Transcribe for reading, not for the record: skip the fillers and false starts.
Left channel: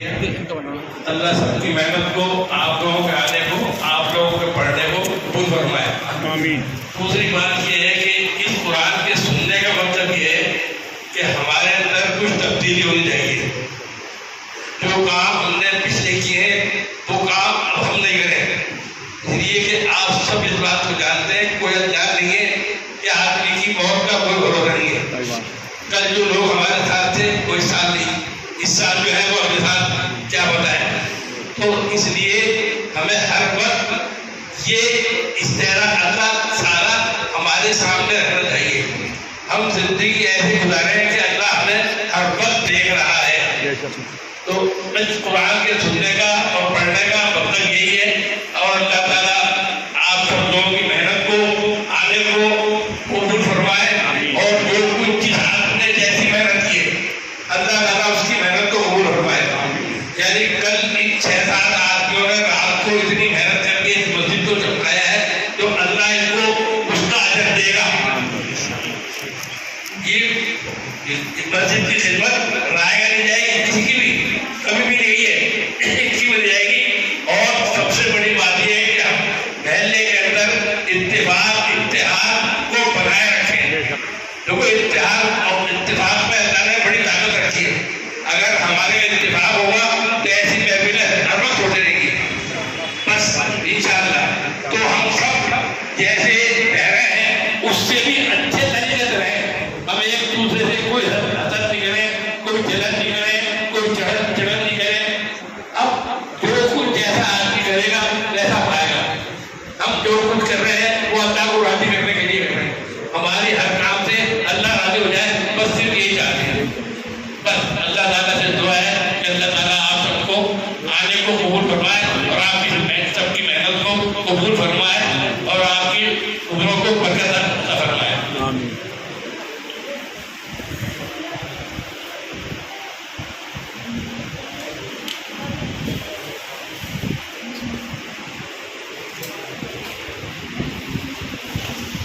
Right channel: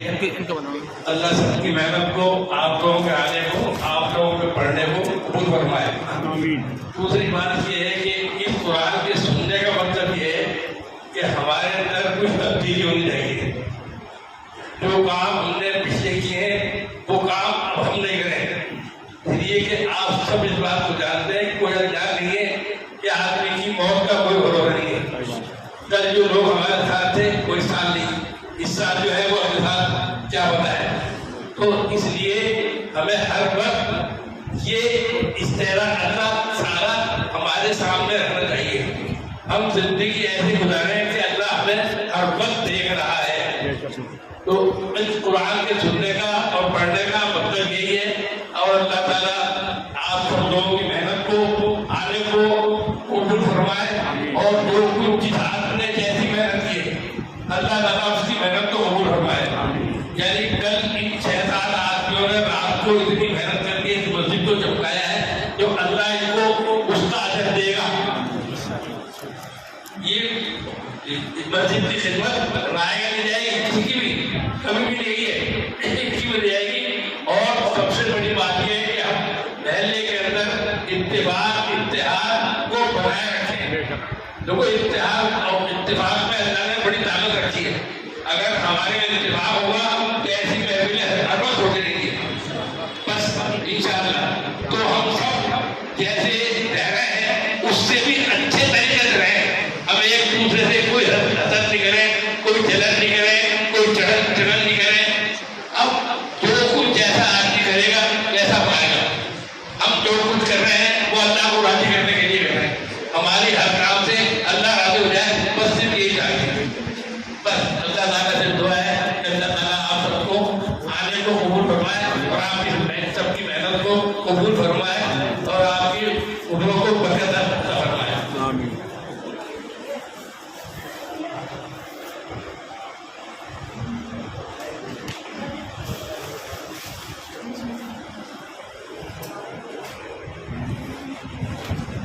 اللہ سب کی محنت کو، آپ لوگوں کے آنے کو، آپ لوگوں کے پڑھنے کو قبول فرمائے۔ آمین۔ دوسری بات یہ ہے کہ اس قرآن کے سننے کا مطلب یہ ہے کہ ہمارے اندر کچھ تبدیلی ہونی چاہیے۔ جو کام ہم نے پچھلے کیے ہیں وہ کام اب ہم نہیں کریں، اس لیے کہ آپ سب اس بات کو جانتے ہیں، کوئی انجان نہیں ہے کہ آدمی کی موت کا کوئی بھروسہ نہیں ہے۔ کل جو لوگ ہمارے ساتھ تھے وہ اس سال نہیں، اس سال جو ہے وہ اگلے سال کیا بتائیں۔ تو اس لیے ہمیں ہر وقت یہ استعداد اللہ سارا ہمارے سامنے رکھنا چاہیے۔ ہم زندگی ایسے گزاریں کہ اللہ ہمیں ہر وقت دیکھ رہا ہے۔ تو اس قرآن کے سننے کا اور پڑھنے کا مطلب یہی ہے، اور اللہ تعالیٰ آپ سب لوگوں کی محنت کو، آنے کو قبول فرمائے، اور جو کچھ جس آپ نے جیسی محنت کی ہے اللہ تعالیٰ اس کی محنت کو قبول فرمائے۔ یعنی کل ان 6-7 آدمیوں نے رات کو اتنی محنت کر کے اس مسجد کو چمکایا ہے، تو اللہ ان کو اس کا اجر دے گا۔ یہ مسجد کی خدمت رائے گا نہیں جائے گی کسی کی بھی، کبھی بھی نہیں ہے، اس کی مل جائے گی۔ اور سب سے بڑی بات یہ ہے کہ ہم محلے کے اندر اتفاق اتحاد کو بنائے رکھیں۔ دیکھو اتحاد اور اتفاق میں اللہ نے بڑی طاقت رکھی ہے۔ اگر ہمارے اتفاق ہوگا تو ایسی محفلیں ہر وقت ہوتی رہیں گی، بس انشاءاللہ۔ تو ہم سب جیسے رہ رہے ہیں اس سے بھی اچھے طریقے سے رہیں، ہم ایک دوسرے سے کوئی حسد نہیں کریں، کوئی جلن نہیں کریں، کوئی چڑھن نہیں کریں۔ اب جو کچھ جیسا آدمی کرے گا ویسا پائے گا۔ ہم جو کچھ کر رہے ہیں وہ اللہ کو راضی کرنے کے لیے کر رہے ہیں، ہماری ہر کام سے اللہ راضی ہو جائے، بس صرف یہی چاہتے ہیں۔ بس اللہ تعالیٰ سے دعا ہے کہ اللہ تعالیٰ آپ سب کو آنے کو قبول فرمائے، اور آپ کی سب کی محنت کو قبول فرمائے، اور آپ کی عمروں کو برکت